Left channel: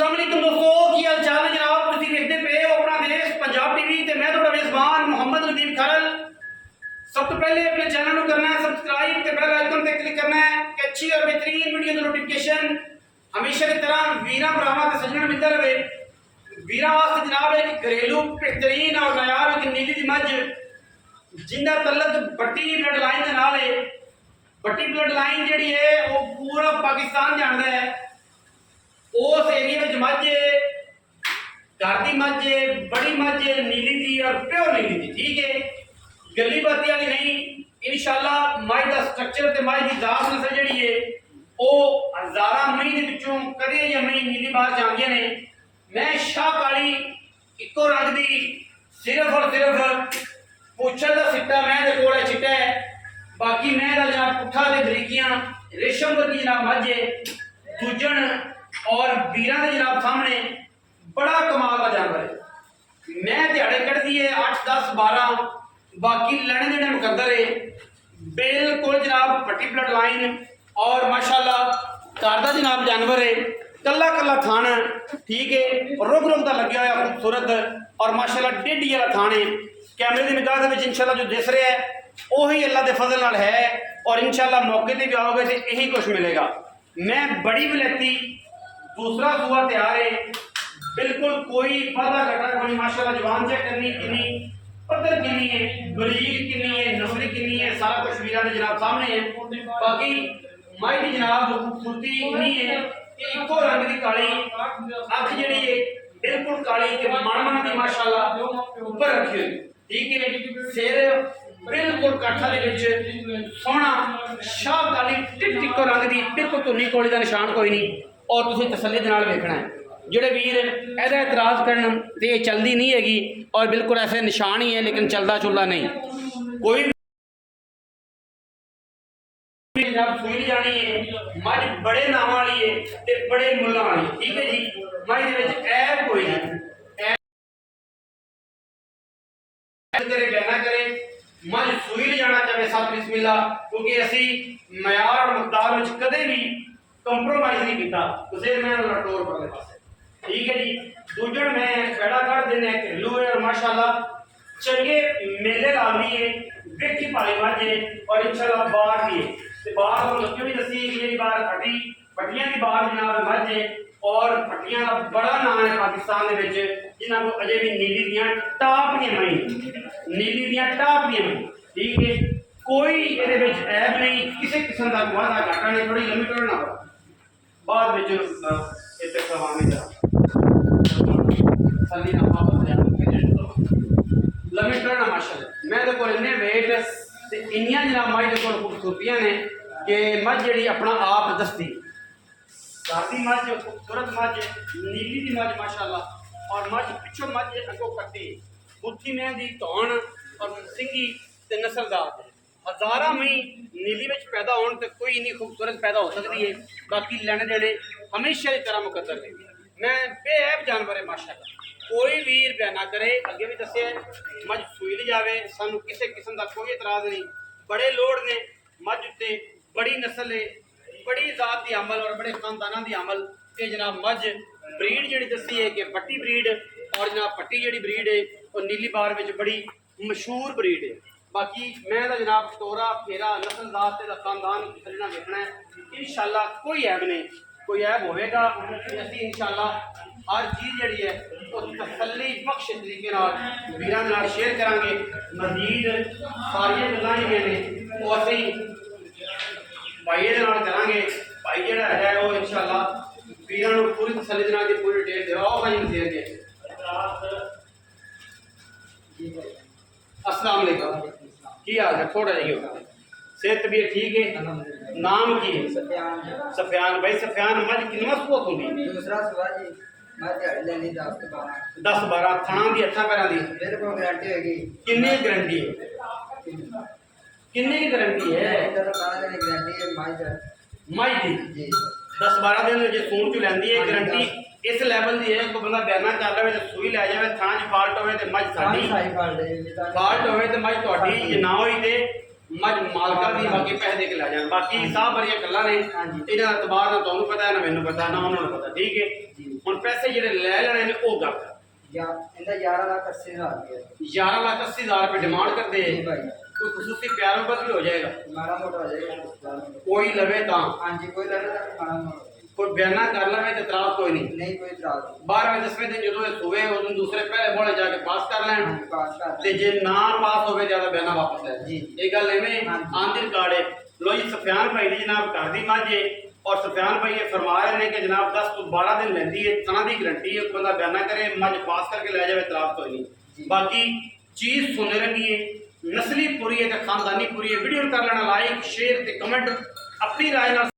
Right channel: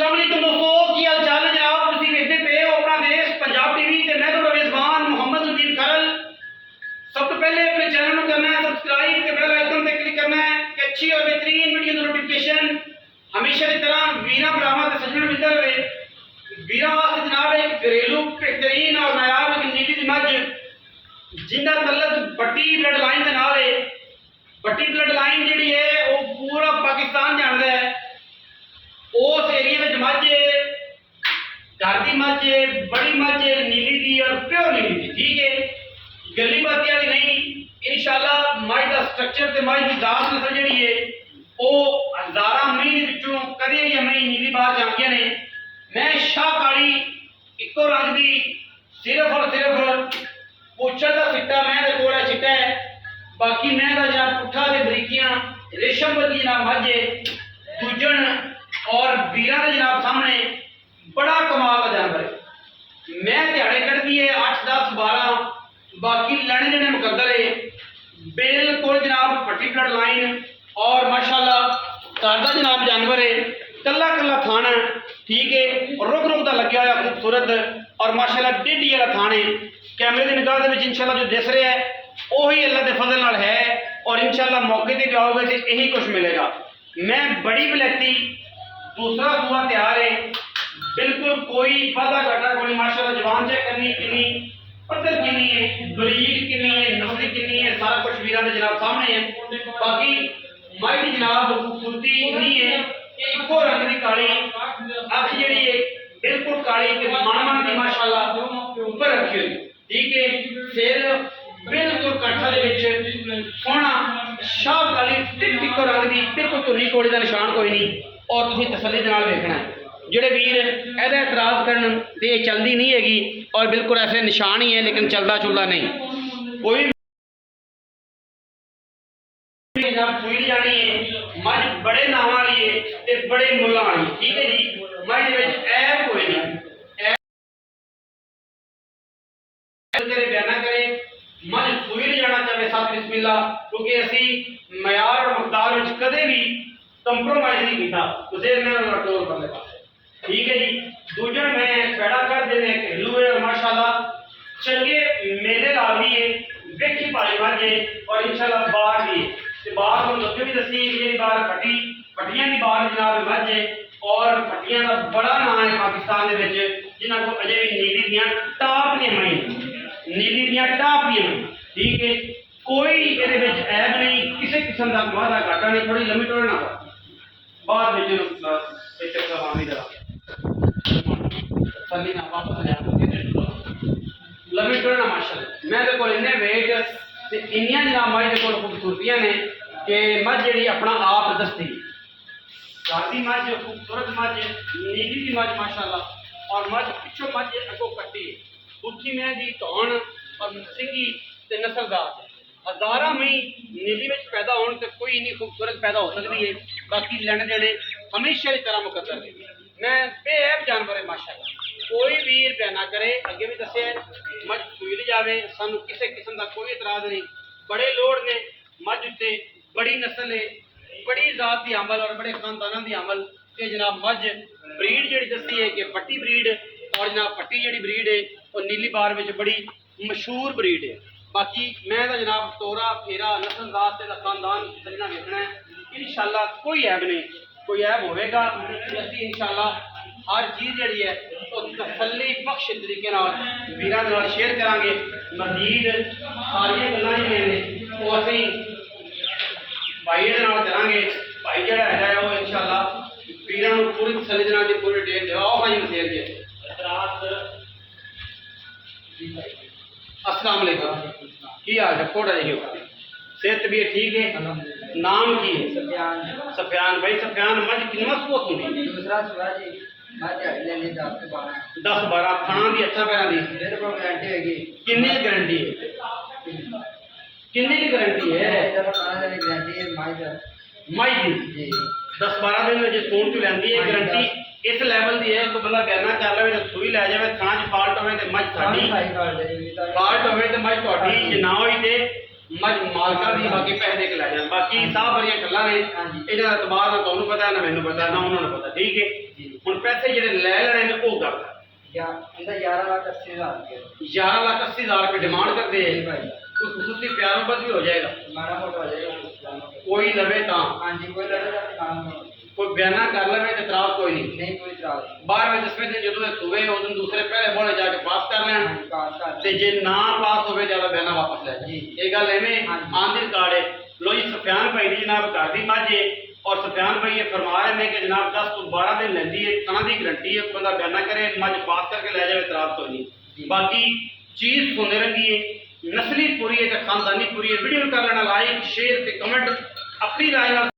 अस्सलाम वालेकुम दोस्तों, की हाल चाल है जनाब। तुसीं देखदे पे हो अपना देश पंजाब टीवी ते मैं तुहाडा मेज़बान मोहम्मद लतीफ खरल। सब तो पहले अपने चैनल को करना है सब्सक्राइब ते बेल आइकन पे क्लिक करना है कि अच्छी और बेहतरीन वीडियो की नोटिफिकेशन हमेशा की तरह वीरां भरावां ते सज्जणां नूं मिलदा रहे। वीरां वास्ते जनाब एक घरेलू बेहतरीन और नायाब एक नीली दी मझ जिंदा तल्लक भट्टी ब्लड लाइन के नाल है। भट्टी ब्लड लाइन जिहड़ी है वो पूरा पाकिस्तान जानदा है। उस एरिए में मझ घर की मझ बड़ी मझ नीली दी और प्योर नीली दी, ठीक है, गली बाती वाली नहीं। इंशाल्लाह मझ का स्ट्रक्चर ते मझ की दास नस्ल जिहड़ी है वो हज़ारां मई दे विचों कदे या मई नीली बाहर जांदियां ने। मैं शाह काली इको रंग दी सिर्फ और सिर्फ पुछल का सिट्टा मैं दे कोल चिट्टा है, बाकी मैं दा जनाब पुट्ठा ते बरीकियां रेशम वर्गी जनाब मझ है। दूजन और वीरां दे जनाब सामने बड़ा कमाल का जानवर है। मैं दिहाड़े कटदी है 8 10 12, बाकी लड़ने देने मुकद्दर है। बिल्कुल जनाब भट्टी ब्लड लाइन और माशाल्लाह घर का जनाब जानवर है। कला कला थान है, ठीक है, रुक रुक का लग्या हुआ खूबसूरत और माशाल्लाह डेढ़ी वाला थान है। कैमरे की निगाह में इंशाल्लाह जो दिस रहा है वही अल्लाह के फजल नाल है और इंशाल्लाह मौके पर भी आओगे तो यही कुछ मिलेगा। मैं बड़ी विलैती दूसरा सूआ तैयार है, बिल्कुल कोई वादा घटा कोई। माशाल्लाह जवान चेक करनी किनी पत्थर किनी है, बरीक किनी है, नस्ली किनी है, सारा कुछ वीरां दे जनाब सामने है। बाकी माई दी जनाब खूबसूरती इतनी है कि इको रंग की काली अख जिहड़ी है बिल्कुल काली ते मन की माशाल्लाह ऊपर रखी हुई, ठीक है। सिर बिल्कुल कट्ठा दे विच सोहना शाह काली टिक टिको रंग की बिल्कुल धुनी कोली का निशान कोई नहीं और तुसीं तसल्ली दे नाल देखना है। जिहड़े वीर एहदा इतराज़ करन ते ये चलदी नहीं हैगी और बिल्कुल ऐसे निशान ही है लेकिन चलदा चुलदा नहीं। कोई सूई जानी है मझ बड़े नावां वाली है ते बड़े मुल्लां वाली, ठीक है जी। मझ दे विच ऐब कोई नहीं, करे बयाना करे मझ सूई ले जाना चाहे साथ बिस्मिल्लाह, क्योंकि असी मयार और मकदार में कदे भी कंप्रोमाइज नहीं किया। उसे मैं लटोर परले पासे, ठीक है जी। दूजन मैं पैड़ा कर देने घरेलू है और माशाल्लाह चंगे मेले ला ली है, वेखी पाई मझ है और इंशाल्लाह बाहर भी है। बाहर को लगे भी दसी कि बाहर फटी फटियां की बाहर जनाब मझ है और फटियां का बड़ा नाम है पाकिस्तान के जिन्होंने को अजे भी नीली दियाँ टाप दी मई, नीली दियाँ टाप दी मई, ठीक है। कोई ये ऐब नहीं, किसी किस्म का वादा घाटा नहीं। थोड़ी लम्बी टोड़ना बाद में लम्बी टोड़ना माशाल्लाह मैं को इन्ने वेट इन्नियां जनाब मझ दे कोल खूबसूरतियां ने कि मझ जी अपना आप दसती सादी मझ खूबसूरत मझ नीली की मझ माशाल्लाह और मझ पिछों मझ अगों कट्टी बुथी में दी धौन और सिंगी ते नस्लदार हज़ारां मई नीली में पैदा होने तो कोई इन्नी खूबसूरत पैदा हो सकती है। बाकी लैने देने हमेशा की तरह मुकद्दर है। मैं बेऐब जानवर है माशाल्लाह, कोई वीर बयाना करे अगे भी दसे मझ सूई ली जाए सानू किसी किस्म का कोई इतराज़ नहीं। बड़े लोड़ ने मझ उत्ते बड़ी नस्ल है, बड़ी जात की अमल और बड़े खानदाना की अमल के जनाब मझ ब्रीड जी दसी है कि पट्टी ब्रीड और जनाब पट्टी जी ब्रीड है और नीली बार में बड़ी मशहूर ब्रीड है। बाकी मैं तो जनाब तोरा फेरा नस्ल जात का खानदान चलना देखना है। इंशाल्लाह कोई ऐब नहीं, कोई ऐब होगा असी इंशाल्लाह हर चीज़ जी है तो तसल्ली बख्श तरीके वीरां दे नाल शेयर करांगे। मजीद सारिया गल्लां जिहड़ियां ने वो असीं भाई दे नाल करांगे। भाई जिहड़ा है वो इंशाल्लाह वीरां नूं पूरी तसल्ली दे नाल पूरी डिटेल देओ भाई शेयर के। अस्सलाम वालेकुम, की हाल है? थोड़ा जी सेहत भी ठीक है? नाम की है? सफियान। सफियान भाई सफियान मझ कितना सूआ होंगी? दूसरा सुबह जी मैं ले ली 10 से 12 10 12 थां दी अच्छा पैरां दी बिल्कुल गारंटी होगी। किन्नी गारंटी है? किन्नी की गारंटी है? 12 दिन गारंटी है माई दी जी। 10 12 दिन जो सून चु लैंदी है गारंटी इस लैवल की है। कोई बंदा बयाना कर ले तो सूई लै जाए थाना च फाल्ट होवे तो मझ साडी फाल्ट होवे तो मझ तुहाडी जे ना होई ते मझ मालका दी बाकी पैसे दे के लै जान। बाकी साह बड़ियां गल्लां ने इन्हां दा एतबार ना तुहानूं पता है ना मैनूं पता ना उन्होंने पता, ठीक है। हुण पैसे ਜਿਹੜੇ ਲੈ ਲੈਣੇ ਨੇ ਉਹ ਗੱਲ या इनका 11,80,000 रुपये 11,80,000 रुपये डिमांड करते जी हैं भाई कोई खसूसी प्यार मोहब्बत भी हो जाएगा माड़ा मोटा हो जाएगा कुछ जानो। कोई लवे ता हाँ जी कोई लड़ेगा तो माड़ा मोटा हो जाएगा। कोई बयाना कर लवे तो इतराज कोई नहीं नहीं कोई इतराज नहीं। 12वें 10वें दिन जो सुबह उस दिन दूसरे पहले बोले जाके पास कर हाँ लैन जी पास कर ਤੇ ਜੇ ਨਾ ਪਾਸ ਹੋਵੇ ਜਿਆਦਾ ਬਿਆਨਾ ਵਾਪਸ ਲੈ ਜੀ। ਇਹ ਗੱਲ ਐਵੇਂ ਹਾਂਜੀ। ਆਂਦੀ ਰਿਕਾਰਡ ਹੈ ਲੋ ਜੀ ਸਫਿਆਨ ਭਾਈ ਦੀ ਜਨਾਬ ਘਰ ਦੀ ਮੱਝ ਹੈ ਔਰ ਸਫਿਆਨ ਭਾਈ ਇਹ ਫਰਮਾ ਰਹੇ ਨੇ ਕਿ ਜਨਾਬ 10 ਤੋਂ 12 ਦਿਨ ਲੈਂਦੀ ਹੈ ਸਣਾ ਦੀ ਗਰੰਟੀ ਹੈ ਕੋਈ ਬੰਦਾ ਬਿਆਨਾ ਕਰੇ ਮੱਝ ਪਾਸ ਕਰਕੇ ਲੈ ਜਾਵੇ ਇਤਰਾਜ਼ ਕੋਈ ਨਹੀਂ ਜੀ। ਬਾਕੀ ਚੀਜ਼ ਸੋਨੇ ਰੰਗੀ ਹੈ ਨਸਲੀ ਪੂਰੀ ਹੈ ਤੇ ਖਾਨਦਾਨੀ ਪੂਰੀ ਹੈ ਵੀਡੀਓ ਨੂੰ ਕਰ ਲੈਣਾ ਲਾਈਕ ਸ਼ੇਅਰ ਤੇ ਕਮੈਂਟ ਆਪਣੀ ਰਾਏ ਨਾਲ